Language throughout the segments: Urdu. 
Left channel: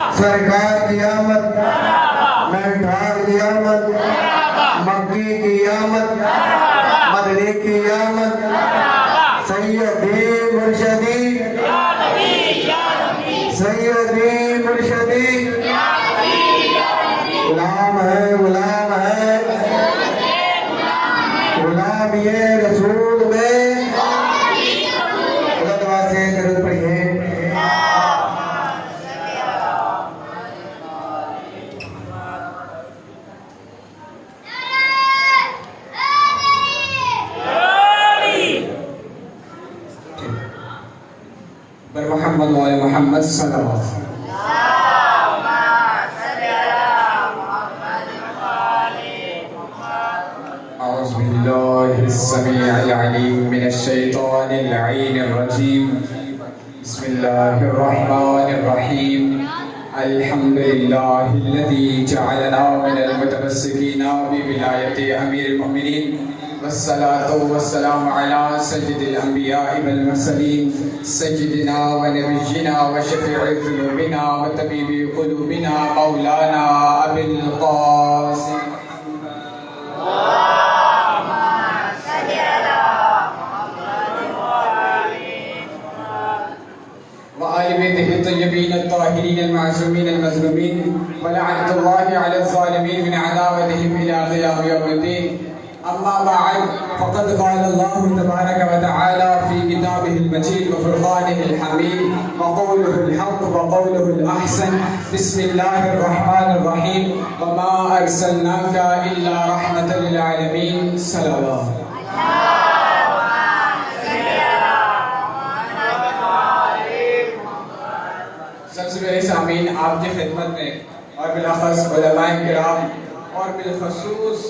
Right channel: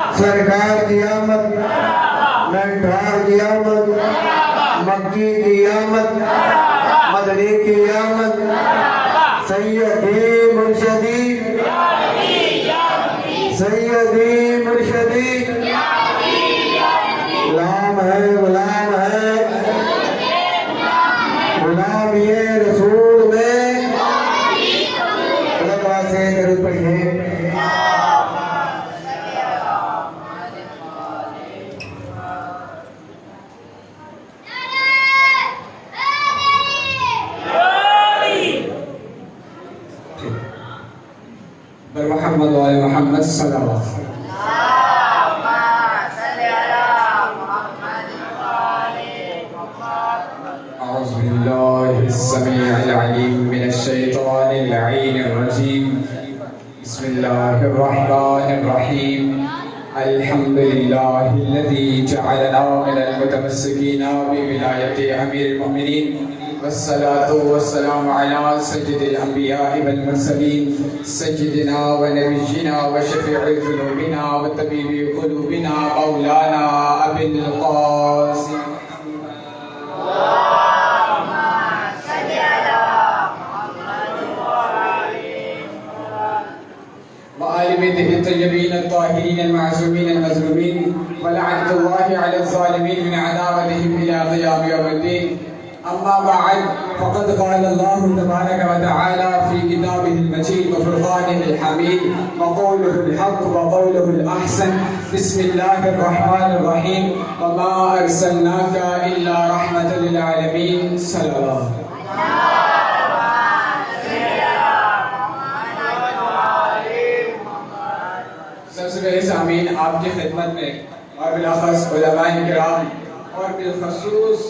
سرکار کی آمد، مہنگار کی آمد، مکی کی آمد، مدنی کی آمد، سیدی مرشدی، سیدی مرشدی، غلام ہے، غلام ہے، غلام یہ رسول میں اللہ دعا سے درود پڑھیے۔ بر محمد و آل محمد صلی اللہ علیہ وسلم۔ اعوذ باللہ السمیع العلیم من الشیطان اللعین الرجیم، بسم اللہ الرحمن الرحیم، الحمد للہ الذی جعلنا من المتمسکین بولایت امیر المؤمنین، والصلاة والسلام على سید الانبیاء والمرسلین، سیدنا و نبینا و شفیع ذنوبنا و طبیب قلوبنا مولانا ابی القاسم وآل بیتہ الطیبین الطاہرین المعصومین المظلومین، ولعنۃ اللہ علی الظالمین من عداوتہم الی قیام یوم الدین۔ اما بعد فقد قال اللہ تبارک و تعالی فی کتابہ المجید وفرقانہ الحمید، وقولہ الحق وقولہ الاحسن، بسم اللہ الرحمن الرحیم، وما ارسلناک الا رحمۃ للعالمین، صلی اللہ۔ سب سے پہلے سامعین آپ کی خدمت میں اور بالاخص علماء کرام اور بالخصوص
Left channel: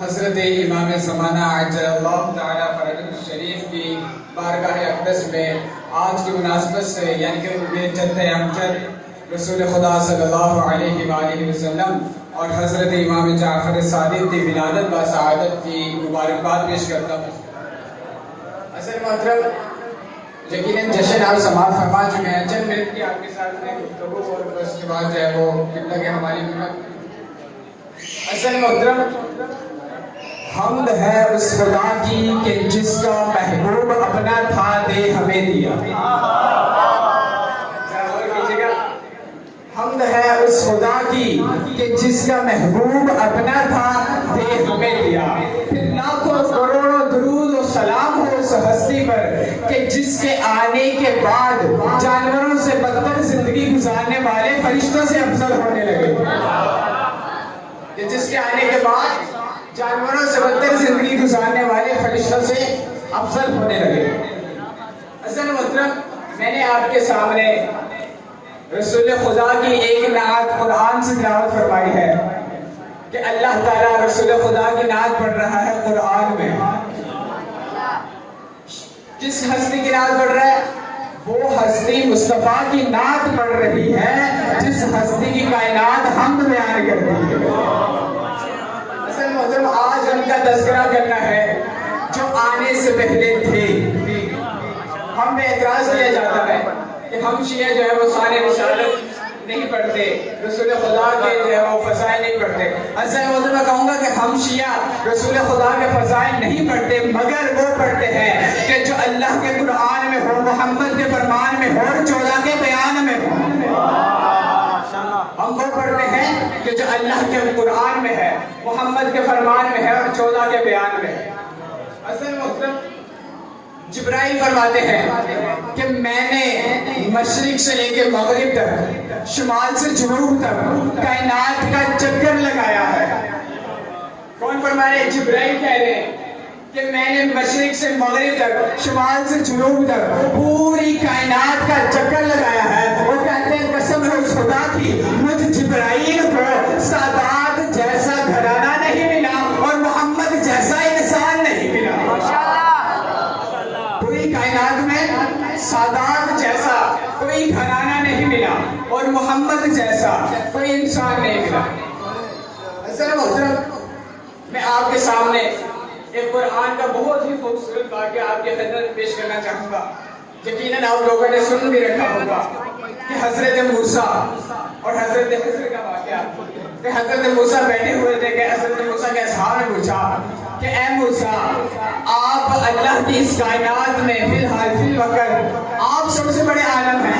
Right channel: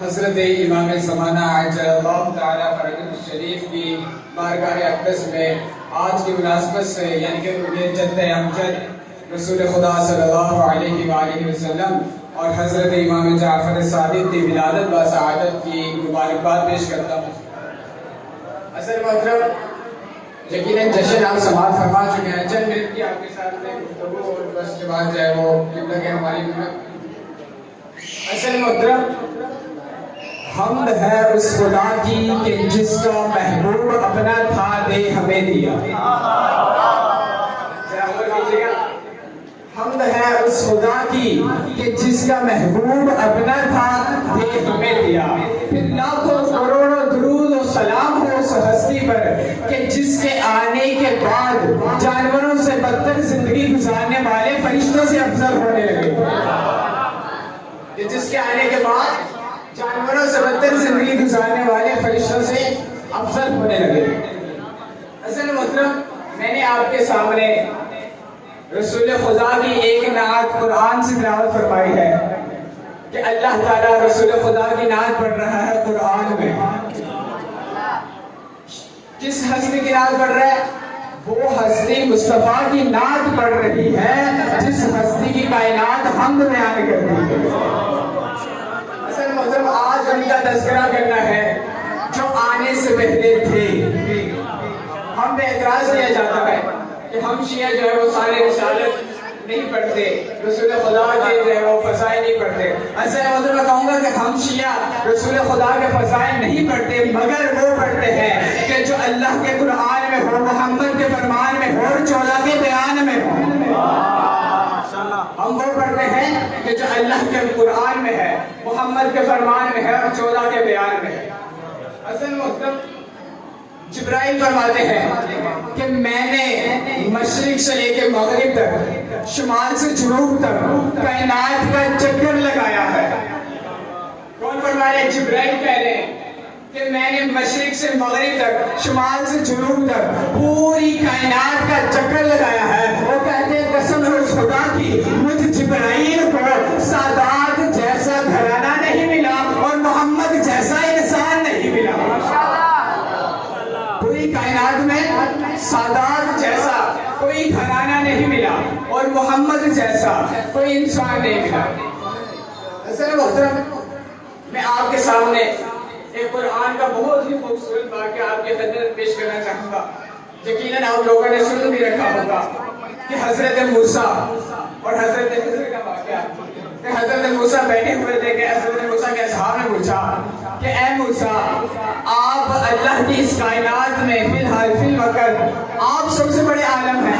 حضرت امام زمانہ عجل اللہ تعالیٰ فرجہ الشریف کی بارگاہ اقدس میں آج کی مناسبت سے، یعنی کہ ان کے جد امجد رسول خدا صلی اللہ علیہ وآلہ وسلم اور حضرت امام جعفر صادق کی ولادت و سعادت کی مبارکباد پیش کرتا ہوں۔ اصل محترم، یقیناً جشن آپ سماعت فرما چکے ہیں، چند منٹ کی آپ کے ساتھ میں گفتگو اور بس کے بعد جو ہے وہ قبلہ کے ہماری اصل محترم، حمد ہے اس خدا کی کہ جس کا محبوب اپنا تھا دے ہمیں دیا۔ حمد ہے اس خدا کی کہ جس کا محبوب اپنا تھا دے ہمیں دیا۔ پھر لاکھوں کروڑوں درود و سلام ہو اس ہستی پر کہ جس کے آنے کے بعد جانوروں سے بدتر زندگی گزارنے والے فرشتوں سے افضل ہونے لگے، کہ جس کے آنے کے بعد جانوروں سے بدتر زندگی گزارنے والے فرشتوں سے افضل ہونے لگے۔ اصل محترم، میں نے آپ کے سامنے رسول خدا کی ایک نعت قرآن سے تلاوت فرمائی ہے کہ اللہ تعالیٰ رسول خدا کی نعت پڑھ رہا ہے قرآن میں۔ جس ہستی کی نعت پڑھ رہا ہے وہ ہستی مصطفیٰ کی نعت پڑھ رہی ہے، جس ہستی کی کائنات حمد بیان کرتی ہے۔ اصل محترم، آج ان کا تذکرہ کرنا ہے جو آنے سے پہلے تھے۔ ہم میں اعتراض کیا جاتا ہے کہ ہم شیعہ جو ہے وہ سال رسالت نہیں پڑھتے، رسول خدا کے جو ہے وہ فضائل نہیں پڑھتے۔ اصل محترم، میں کہوں گا کہ ہم شیعہ رسول خدا کے فضائل نہیں پڑھتے، مگر وہ پڑھتے ہیں کہ جو اللہ کے قرآن میں ہو، محمد کے فرمان میں ہو، اور 14 کے بیان میں ہو۔ ہم وہ پڑھتے ہیں کہ جو اللہ کے قرآن میں ہے، محمد کے فرمان میں ہے، اور 14 کے بیان میں ہے۔ اصل محترم، جبرائیل فرماتے ہیں کہ میں نے مشرق سے لے کے مغرب تک، شمال سے جنوب تک کائنات کا چکر لگایا ہے۔ کون فرما رہے ہیں؟ جبرائیل کہہ رہے ہیں کہ میں نے مشرق سے مغرب تک، شمال سے جنوب تک پوری کائنات کا چکر لگایا ہے۔ وہ کہتے ہیں قسم ہے اس خدا کی، مجھ جبرائیل کو سادات جیسا گھرانہ نہیں ملا اور محمد جیسا انسان نہیں ملا۔ پوری کائنات میں سادات جیسا کوئی گھرانہ نہیں ملا اور محمد جیسا کوئی انسان نہیں ملا۔ اصل محترم، میں آپ کے سامنے ایک قرآن کا بہت ہی خوبصورت واقعہ آپ کے خدمت پیش کرنا چاہوں گا۔ یقیناً آپ لوگوں نے سن بھی رکھا ہوگا کہ حضرت موسیٰ اور حضرت خضر کا واقعہ کہ حضرت موسیٰ بیٹھے ہوئے تھے کہ حضرت موسیٰ کے اصحاب نے پوچھا کہ اے موسیٰ آپ اللہ کی اس کائنات میں فی الحال فی الوقت آپ سب سے بڑے عالم ہیں.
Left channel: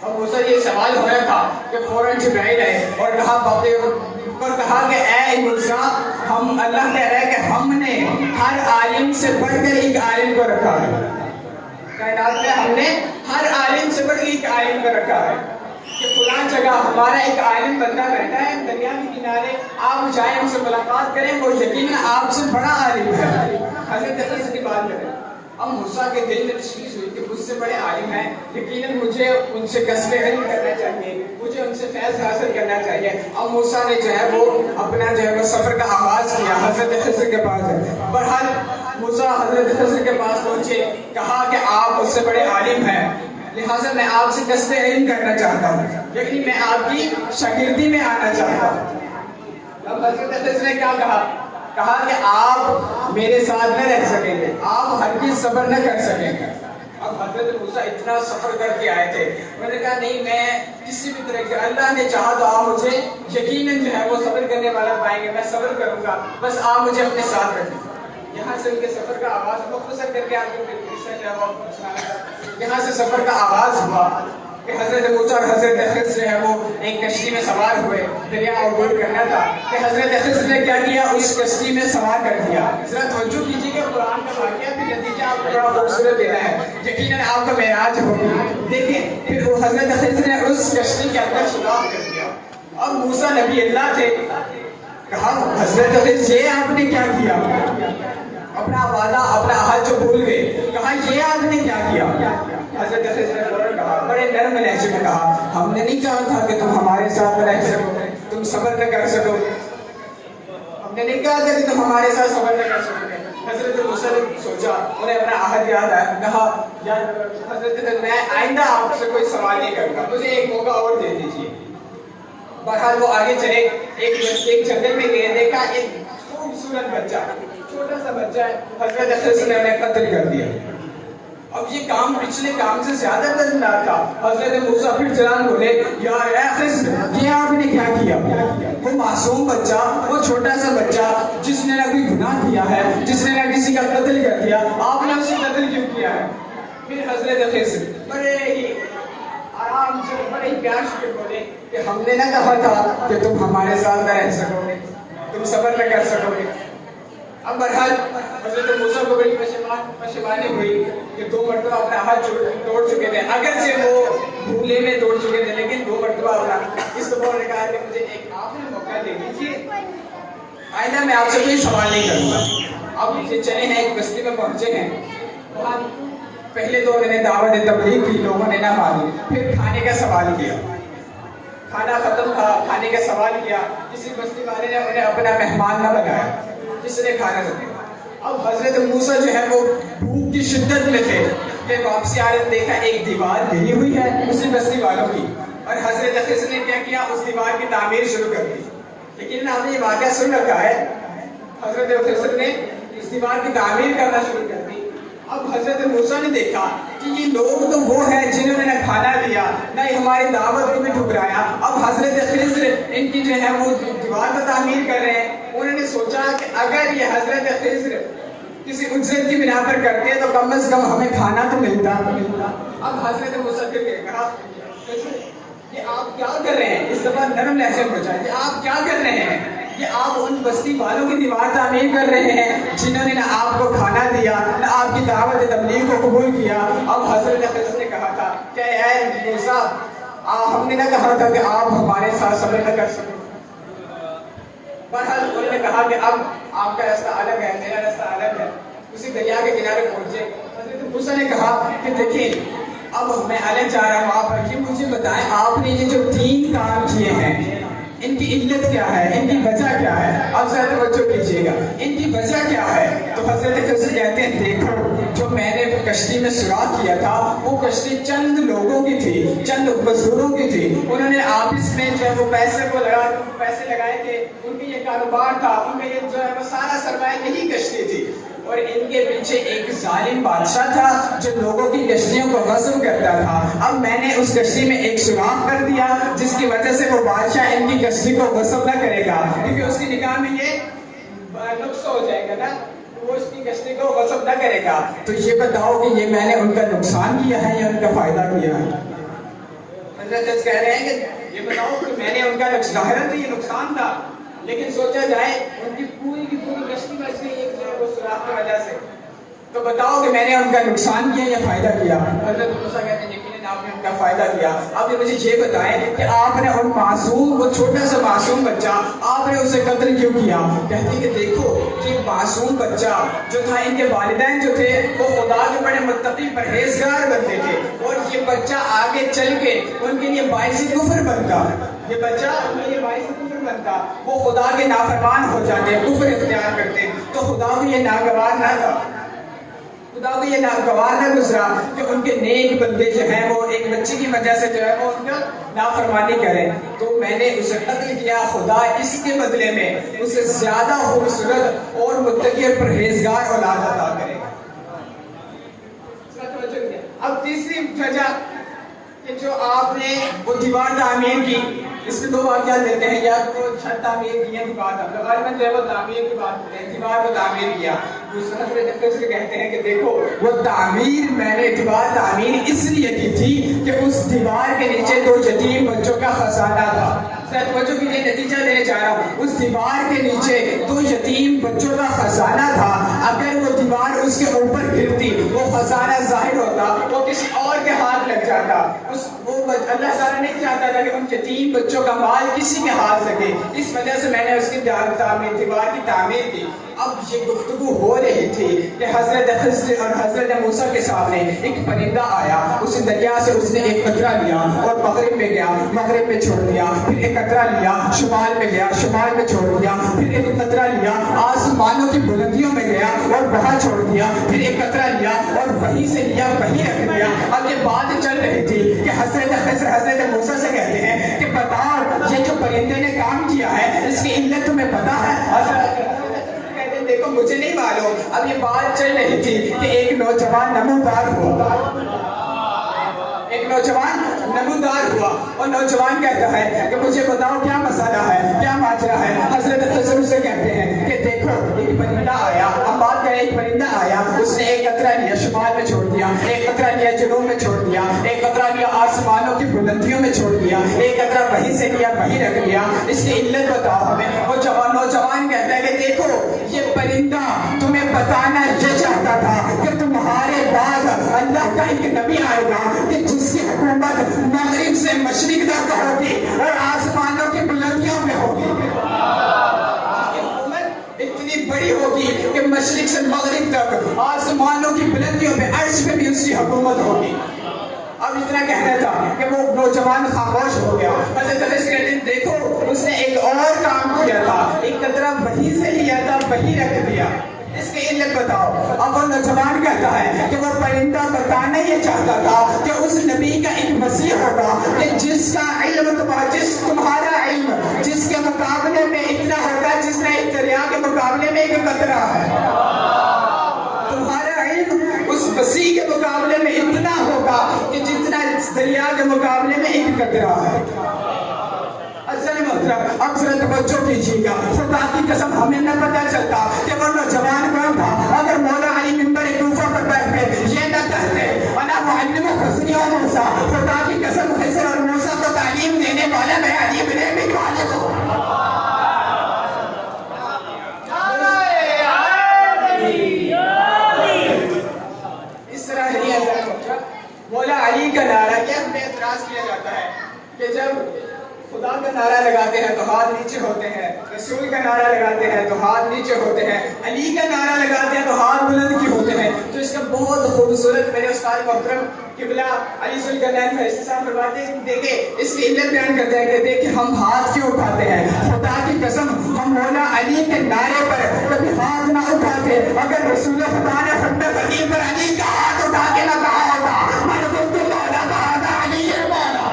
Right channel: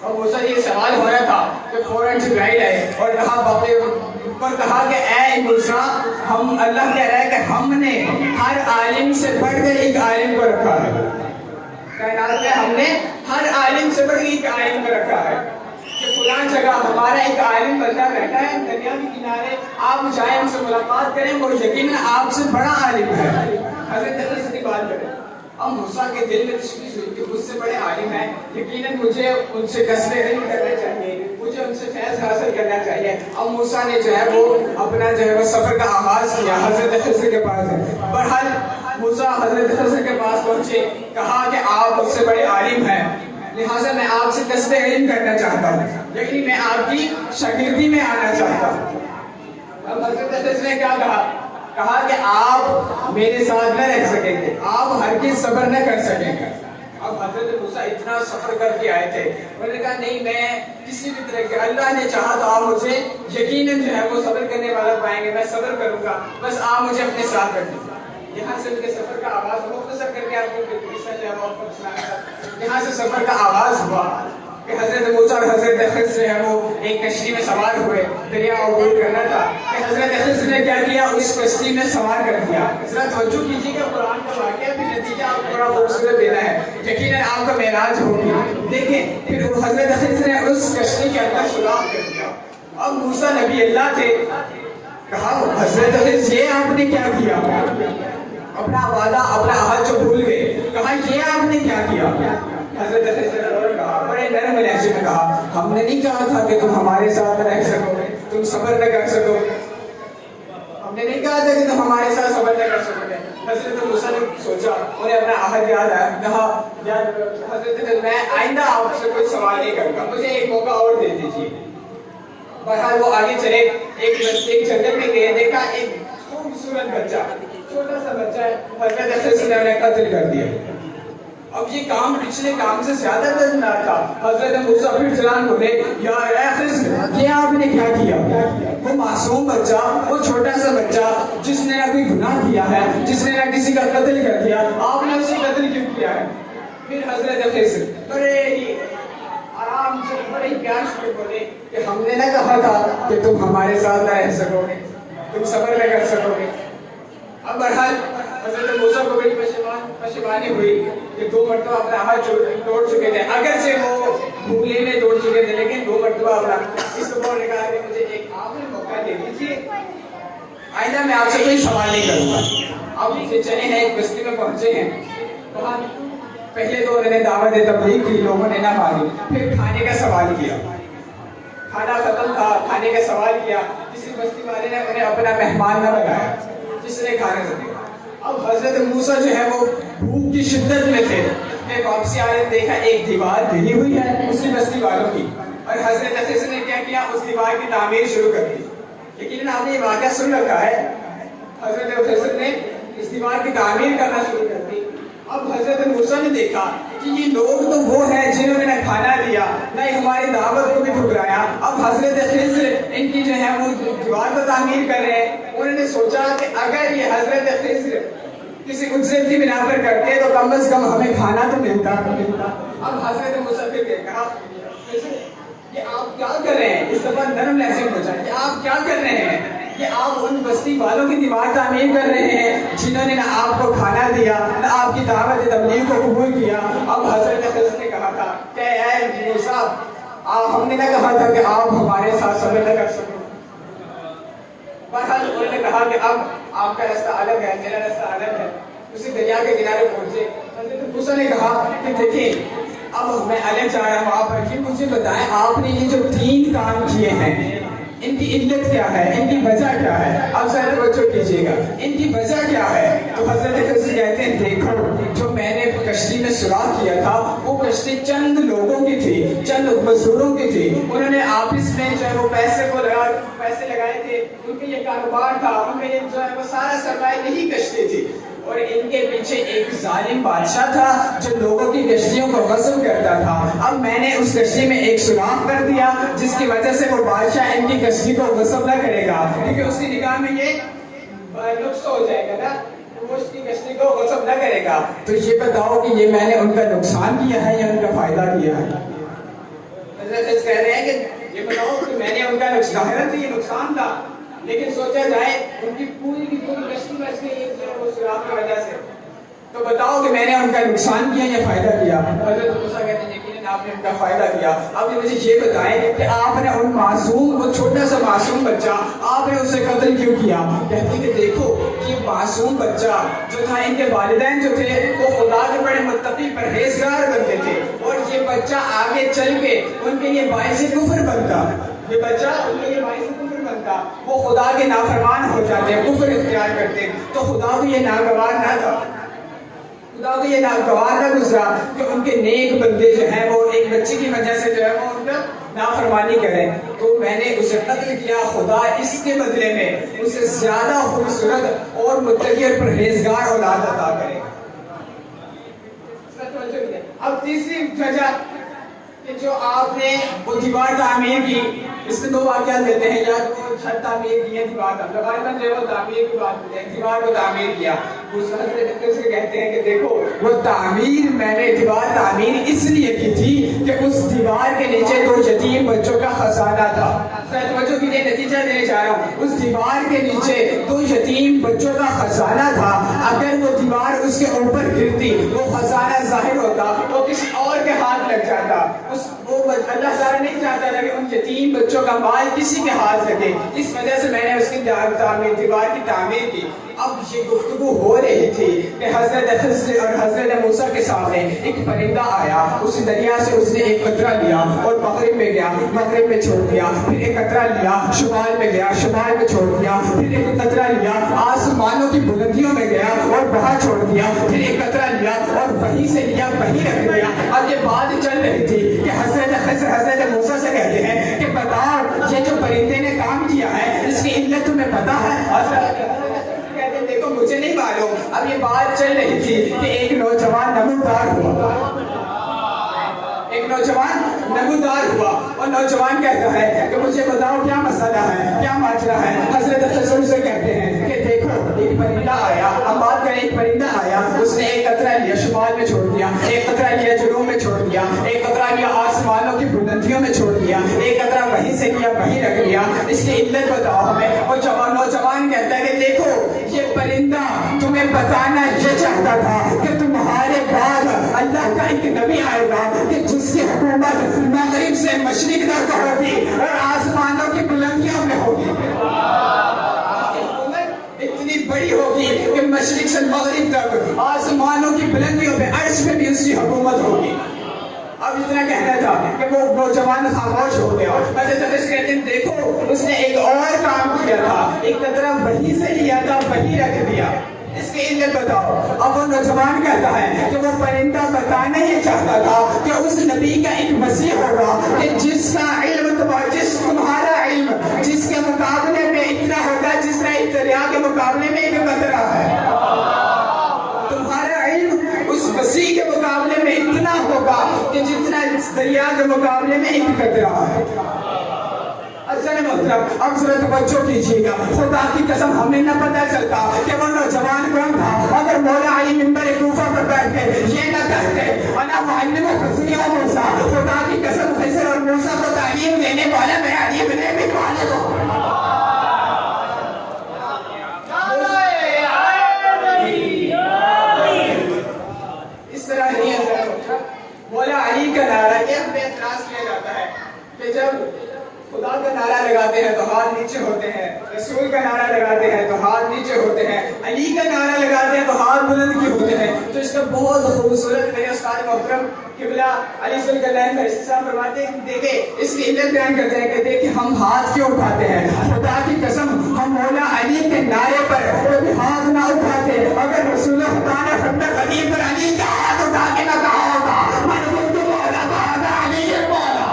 اور موسیٰ یہ سوال ہو رہا تھا کہ فوراً جبرائیل آئے اور کہا کہ اے موسیٰ ہم اللہ کہہ رہا ہے کہ ہم نے ہر عالم سے بڑھ کر ایک عالم کو رکھا ہے. کائنات میں ہم نے ہر عالم سے بڑھ ایک عالم کو رکھا ہے کہ فلاں جگہ ہمارا ایک عالم بندہ بیٹھا ہے دریا کے کنارے، آپ جائیں ان سے ملاقات کریں، وہ یقیناً آپ سے بڑا عالم ہے. حضرت خضر کی بات کریں. اب موسیٰ کے دل میں تشویش ہوئی کہ مجھ سے بڑے عالم ہیں، یقیناً مجھے ان سے قصد علم کرنا چاہیے، مجھے ان سے فیض حاصل کرنا چاہیے. اب موسیٰ نے جو ہے وہ اپنا جو ہے وہ سفر کا آغاز کیا حضرت خضر کے پاس. بہرحال موسیٰ حضرت خضر کے پاس پہنچے، کہا کہ آپ مجھ سے بڑے عالم ہیں، لہٰذا میں آپ سے قصد علم کرنا چاہتا ہوں، یعنی میں آپ کی شاگردی میں آنا چاہتا ہوں. اب حضرت خضر نے کیا کہا کہ آپ میرے ساتھ نہ رہ سکیں گے، آپ ہرگز صبر نہ کر سکیں گے. اب حضرت موسیٰ اتنا سفر کر کے آئے تھے، انہوں نے کہا نہیں میں کسی بھی طرح کے اللہ نے چاہا تو آپ مجھے یقیناً جو ہے وہ صبر کرنے والا پائیں گے، میں صبر کروں گا، بس آپ مجھے اپنے ساتھ رکھیں. یہاں سے ان کے سفر کا آغاز مختصر کر کے آپ کو یہاں سے سفر کا آغاز ہوا کہ حضرت موسیٰ اور حضرت خضر ہے وہ ایک کشتی میں سوار ہوئے، دریا عبور کرنا تھا کہ حضرت خضر نے کیا کیا، اس کشتی میں سوار کر دیا. حضرت توجہ کیجیے کہ قرآن کا واقعہ بھی نتیجہ آپ کو بڑا خوبصورت دینا ہے، یقیناً آپ کا معراج ہوگی. دیکھیں پھر وہ حضرت خضر نے اس کشتی کے اندر سوراخ کر دیا. اب موسیٰ نبی اللہ تھے، کہا حضرت خضر یہ آپ نے کیا کیا، اپنا وعدہ اپنا عہد جو بھول گئے، کہا یہ آپ نے کیا کیا. حضرت خضر نے فوراً کہا، بڑے نرم لہجے میں کہا ہم نے نہیں کہا تھا کہ تم ہمارے ساتھ رہ سکو گے، تم صبر نہ کر سکو گے، ہم نے نہیں کہا تھا کہ تم ہمارے ساتھ صبر نہ کر سکو گے. حضرت موسیٰ نے سوچا، انہیں اپنا عہد یاد آیا، کہا حضرت خضر میں آئندہ آپ سے کوئی سوال نہیں کروں گا، مجھے ایک موقع اور دے دیجیے. بہرحال وہ آگے چلے، ایک جنگل میں گئے، دیکھا ایک خوبصورت بچہ، چھوٹا سا بچہ ہے، حضرت خضر نے انہیں قتل کر دیا. اب یہ کام پچھلے کام سے زیادہ دردناک تھا. حضرت موسیٰ پھر چلان بولے یا اے خضر یہ آپ نے کیا کیا. وہ معصوم بچہ، وہ چھوٹا سا بچہ جس نے نہ کوئی گناہ کیا ہے، جس نے نہ کسی کا قتل کر دیا، آپ نے اسے قتل کیوں کیا ہے. پھر حضرت خضر بڑے ہی آرام سے بڑے ہی پیار سے بولے کہ ہم نے نہ کہا تھا کہ تم ہمارے ساتھ نہ رہ سکو گے، تم صبر نہ کر سکو گے. اب بہرحال حضرت موسیٰ کو بڑی پشیمانی ہوئی کہ 2 مرتبہ اپنا عہد توڑ چکے تھے، اگرچہ وہ بھولے میں توڑ چکے تھے لیکن 2 مرتبہ اپنا. اس دفعہ نے کہا کہ مجھے ایک آخری موقع دے دیجیے، آئندہ میں آپ سے کوئی سوال نہیں کروں گا. اب نیچے چلے ہیں، ایک بستی میں پہنچے ہیں. وہاں پہلے تو انہوں نے دعوت تبلیغ کی، لوگوں نے نہ مانی. پھر کھانے کا سوال کیا، کھانا ختم تھا، کھانے کا سوال کیا. کسی بستی والے نے انہیں اپنا مہمان نہ بنایا جس نے کھانا دیا. اب حضرت موسیٰ جو ہے وہ بھوک کی شدت میں تھے کہ واپسی آ رہے دیکھا ایک دیوار گری ہوئی ہے اسی بستی والوں کی، اور حضرت خضر نے کیا کیا، اس دیوار کی تعمیر شروع کر دی. لیکن آپ نے یہ واقعہ سن رکھا ہے، حضرت خضر نے اس دیوار کی تعمیر کرنا شروع کر دی. اب حضرت موسیٰ نے دیکھا کہ یہ لوگ تو وہ ہیں جنہوں نے نہ کھانا دیا نہ ہماری دعوت کو بھی ٹھکرایا. اب حضرت خضر ان کی جو ہے وہ دیوار کو تعمیر کر رہے ہیں. انہوں نے سوچا کہ اگر یہ حضرت خضر کسی اجرت کی بنا پر کرتے تو کم از کم ہمیں کھانا تو ملتا. اب حضرت موسیٰ نے کہا یہ آپ کیا کر رہے ہیں، اس دفعہ نرم لہجے میں پوچھا کہ آپ کیا کر رہے ہیں. کہ آپ ان بستی والوں کی دیوار تعمیر کر رہے ہیں جنہوں نے نہ آپ کو کھانا دیا نہ آپ کی دعوت تبلیغ کو قبول کیا. اب حضرت خضر نے کہا تھا کہ اے موسیٰ ہم نے نہ کہا تھا کہ آپ ہمارے ساتھ صبر نہ کر سکیں. بہرحال انہوں نے کہا کہ اب آپ کا راستہ الگ ہے، میرا راستہ الگ ہے. اسی دریا کے کنارے پہنچے. حضرت موسیٰ نے کہا کہ دیکھیں اب میں الگ جا رہا ہوں، آپ رکھیے، مجھے بتائیں آپ نے یہ جو 3 کام کیے ہیں ان کی علت کیا ہے، ان کی وجہ کیا ہے. اب ذرا توجہ کیجیے گا، ان کی وجہ کیا ہے. تو حضرت خضر کہتے ہیں دیکھو جو میں نے کشتی میں سوراخ کیا تھا وہ کشتی چند لوگوں کی تھی، چند مزدوروں کی تھی. انہوں نے آپس میں جو ہے وہ پیسے لگائے تھے، ان کے یہ کاروبار تھا، ان کا یہ جو ہے وہ سارا سرمایہ یہی کشتی تھی. اور ان کے پیچھے ایک ظالم بادشاہ تھا جو لوگوں کی کشتیوں کو غصب کرتا تھا۔ اب میں نے اس کشتی میں ایک سوراخ کر دیا جس کی وجہ سے وہ بادشاہ ان کی کشتی کو غصب نہ کرے گا، کیونکہ اس کی نگاہ میں یہ نقص ہو جائے گا نا، وہ اس کی کشتی کو غصب نہ کرے گا۔ تو یہ بتاؤ کہ یہ میں نے ان کا نقصان کیا ہے یا ان کا فائدہ کیا ہے؟ حضرت کہہ رہے ہیں کہ یہ بتاؤ کہ میں نے ان کا ظاہراً تو یہ نقصان تھا، لیکن سوچا جائے ان کی پوری کی پوری کشتی بچ گئی ایک جو وہ سوراخ کی وجہ سے، تو بتاؤ کہ میں نے ان کا نقصان کیا یا فائدہ کیا؟ حضرت موسیٰ کہتے ہیں یقیناً آپ نے ان کا فائدہ کیا۔ اب مجھے یہ بتائیں کہ آپ نے ان معصوم، وہ چھوٹا سا معصوم بچہ، آپ نے اسے قتل کیوں کیا؟ کہتے ہیں کہ دیکھو یہ معصوم بچہ جو تھا، ان کے والدین جو تھے وہ خدا کے بڑے متقی پرہیزگار بنتے تھے، اور یہ بچہ آگے چل کے ان کے لیے باعث کفر بنتا، یہ بچہ ان کے لیے باعث کفر بنتا، وہ خدا کے نافرمان ہو جاتے، کفر اختیار کرتے، تو خدا کو یہ ناگوار نہ تھا، خدا کو یہ ناگوار نہ گزرا کہ ان کے نیک بندے جو ہیں وہ ایک بچے کی وجہ سے جو ہے وہ ان کا نافرمانی کریں، تو میں نے اسے قتل کیا، خدا اس کے بدلے میں اسے زیادہ خوبصورت اور متقی اور پرہیزگار اولاد عطا کرے۔ اب تیسری وجہ کہ جو آپ نے وہ دیوار تعمیر کی، اس میں دو واقعات دیتے ہیں، یا وہ چھت تعمیر کی ہے، دیوار غالباً جو ہے وہ تعمیر کی بات ہے، دیوار کو تعمیر کیا۔ دوسرا حضرت کہتے ہیں کہ دیکھو وہ تعمیر، میں نے دیوار تعمیر اس لیے کی تھی کہ اس دیوار کے نیچے دو یتیم بچوں کا خزانہ تھا۔ بچوں کے لیے نتیجہ لینے جا رہا ہوں، اس دیوار کے نیچے دو یتیم بچوں کا خزانہ تھا، اگر وہ دیوار اس کے اوپر گرتی، وہ خزانہ ظاہر ہوتا، وہ کسی اور کے ہاتھ لگ جاتا، اللہ تعالیٰ نہیں چاہتا تھا کہ ان یتیم بچوں کا مال کسی کے ہاتھ لگے، اس وجہ سے میں نے اس کی دیوار کی تعمیر کی۔ اب یہ گفتگو ہو رہی تھی کہ حضرت خضر اور حضرت موسیٰ کے سامنے ایک پرندہ آیا، اس دریا سے اس نے ایک قطرہ لیا اور مغرب میں گیا، مغرب میں چھوڑ دیا، پھر ایک قطرہ لیا شمال میں گیا، شمال میں چھوڑ دیا، پھر ایک قطرہ لیا آسمانوں کی بلندیوں میں گیا اور وہاں چھوڑ دیا، پھر ایک قطرہ لیا اور وہیں سے لیا وہیں رکھ دیا۔ اب یہ بات چل رہی تھی کہ حضرت خضر حضرت موسیٰ سے کہتے ہیں کہ بتاؤ یہ جو پرندے نے کام کیا ہے اس کی علت تمہیں پتا ہے؟ دیکھو مجھے نہیں معلوم۔ اب یہ بات چل رہی تھی کہ ایک نوجوان نمودار ہوا، ایک نوجوان نمودار ہوا، اور نوجوان کہتا ہے کہ مجھے بتاؤ کیا مسئلہ ہے، کیا ماجرا ہے؟ حضرت خضر سے کہتے ہیں کہ دیکھو ایک پرندہ آیا، ہم بات کریں ایک پرندہ آیا، اس نے ایک قطرہ لیا شمال میں چھوڑ دیا، ایک قطرہ لیا جنوب میں چھوڑ دیا، ایک قطرہ لیا آسمانوں کی بلندیوں میں چھوڑ دیا، ایک قطرہ وہیں سے لیا وہیں رکھ لیا، اس کی علت بتاؤ ہمیں۔ اور نوجوان کہتا ہے کہ دیکھو یہ پرندہ تمہیں بتانا یہ چاہتا تھا کہ تمہارے بعد اللہ کا ایک نبی آئے گا کہ جس کی حکومت مغرب سے مشرق تک ہوگی اور آسمانوں کی بلندیوں میں ہوگی، اتنی بڑی ہوگی کہ مشرق سے مغرب تک آسمانوں کی بلندیوں میں عرش میں بھی اس کی حکومت ہوگی۔ اب اتنا کہنا تھا کہ وہ نوجوان خاموش ہو گیا۔ حضرت خضر کہتے ہیں دیکھو اس نے ایک اور کام کیا تھا، ایک قطرہ وہیں سے لیا تھا وہیں رکھ دیا، اس کی علت بتاؤ۔ اب وہ نوجوان کہتا ہے کہ وہ پرندہ بتانا یہ چاہتا تھا کہ اس نبی کا ایک مسیح ہوگا کہ جس کا علم تمہارا علم جس کے مقابلے میں اتنا ہوگا جس کا ایک دریا کے مقابلے میں ایک قطرہ ہے، تمہارا علم اس مسیح کے مقابلے میں اتنا ہوگا کہ جتنا اس دریا کے مقابلے میں ایک قطرہ ہے۔ اب ذرا توجہ کیجیے گا، خدا کی قسم ہمیں نہ پتہ چلتا کہ وہ نوجوان کون تھا اگر مولا علی منبر کوفہ پر بیٹھ کے یہ نہ کہتے انا معلم خضر و موسیٰ، خدا کی قسم خضر اور موسیٰ کو تعلیم دینے والا میں علی بن ابی طالب ہوں۔ اس طرح نہیں ہے، مولا علی کا نعرہ یہ ہم نے اعتراض کیا جاتا ہے کہ جب خدا کا نعرہ لگاتے ہیں تو ہاتھ نیچے ہوتے ہیں، رسول کا نعرہ لگاتے ہیں تو ہاتھ نیچے ہوتے ہیں، علی کا نعرہ لگاتے ہیں تو ہاتھ بلند کیوں ہوتے ہیں؟ تو اس کا بہت خوبصورت میرے استاد محترم قبلہ علی ذوالجلال فرشتے صاحب فرماتے ہیں دیکھیں اس کی علت بیان کرتے ہیں کہ دیکھیں ہم ہاتھ کیوں اٹھاتے ہیں؟ خدا کی قسم ہم مولا علی کے نعرے پر کبھی ہاتھ نہ اٹھاتے، اگر رسول خدا نے خندق علی پر علی کا ہاتھ اٹھا کے نہ کہا ہوتا من کنت مولا بعد علی مولا،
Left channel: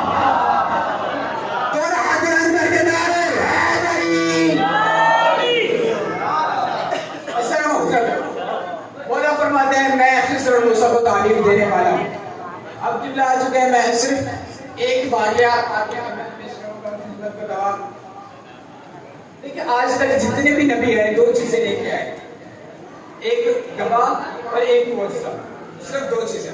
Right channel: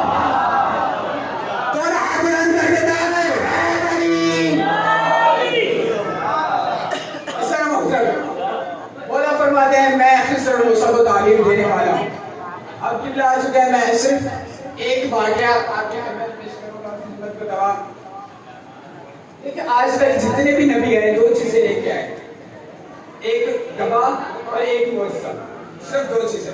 الحمدللہ آ چکے ہیں. میں صرف ایک واقعہ آپ کے خدمت پیش کروں گا خدمت کو دعا. دیکھیں آج تک جتنے بھی نبی آئے دو چیزیں لے کے آئے, ایک گواہ اور ایک معجزہ. صرف دو چیزیں.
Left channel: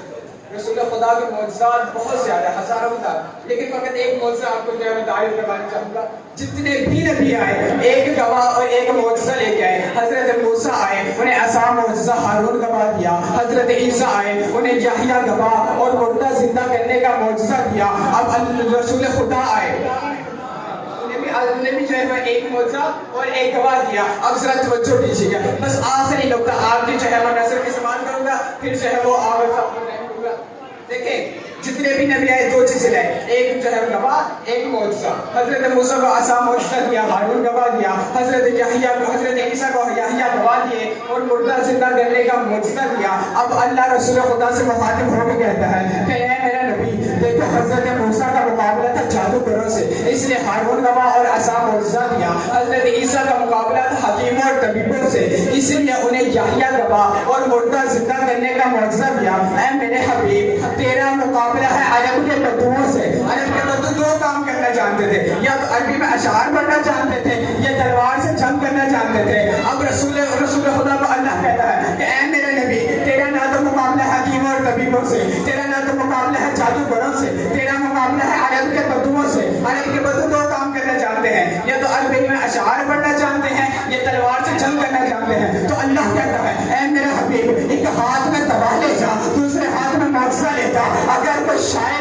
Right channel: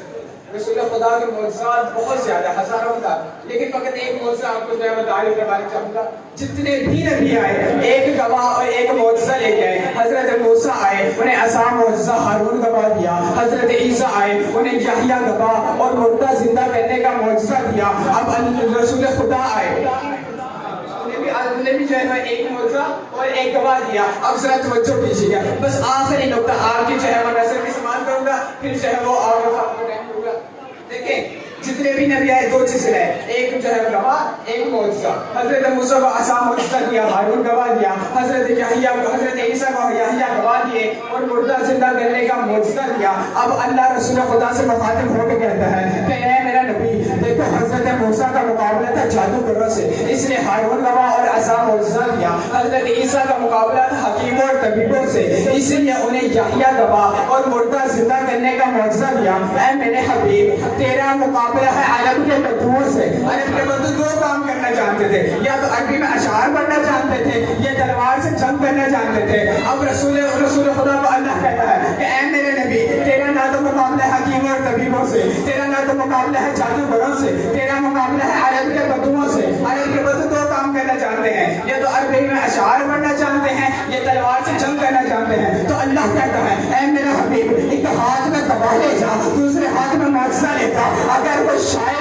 رسول خدا کے معجزات بہت زیادہ ہزاروں تھا, لیکن فقط ایک معجزہ آپ کو جو ہے میں تعریف کروانا چاہوں گا. جتنے بھی نبی آئے ایک گواہ اور ایک معجزہ لے کے آئے. حضرت موسیٰ آئے انہیں عصا معجزہ ہارون گواہ دیا. حضرت عیسیٰ آئے انہیں یحییٰ گواہ اور مردہ زندہ کرنے کا معجزہ دیا. اب رسول خدا آئے انہیں بھی جو ہے ایک معجزہ اور ایک گواہ دیا. اب ذرا توجہ کیجیے گا, بس آخری نقطہ آپ کی جو ہے میں نظر کی سمان کروں گا, پھر جو ہے وہ آپ کو ٹائم دوں گا. دیکھیں جتنے بھی نبی آئے دو چیزیں لائے, ایک جو ہے گواہ ایک معجزہ. حضرت موسیٰ کو عصا معجزہ دیا, ہارون گواہ دیا. حضرت عیسیٰ کو یحییٰ گواہ دیے اور مردہ زندہ کرنے کا معجزہ دیا. اب اللہ رسول خدا سے مخاطب ہو کے کہتا ہے کہ اے میرا نبی دیکھو حضرت موسیٰ کا مقابلہ تھا جادوگروں سے, اس لیے ہارون گواہ اور عصا معجزہ دیا. حضرت عیسیٰ کا مقابلہ تھا حکیموں اور طبیبوں سے, اس لیے انہیں یحییٰ گواہ اور مردہ زندہ کرنے کا معجزہ دیا. اے میرے حبیب تیرا مقابلہ ہے عرب کے بدوؤں سے. عرب کے بدو دو کام کرنا جانتے تھے, یا تو عربی میں اشعار پڑھنا جانتے تھے یا تلوار سے جنگ کرنا جانتے تھے. اب رسول خدا کو اللہ کہتا ہے کہ اے میرے نبی تیرا نہ تو مقابلہ ہے حکیموں اور طبیبوں سے, تیرا نہ تو مقابلہ ہے جادوگروں سے, تیرا مقابلہ ہے عرب کے بدوؤں سے. عرب کے بدو دو کام کرنا جانتے ہیں, یا تو عربی میں اشعار پڑھنا جانتے ہیں یا تلوار سے جنگ کرنا جانتے ہیں. تو اللہ کہتا ہے اے میرا حبیب ایک ہاتھ میں تباہ لے جا, دوسرے ہاتھ میں معجزہ لے جا. اگر کوئی شاعر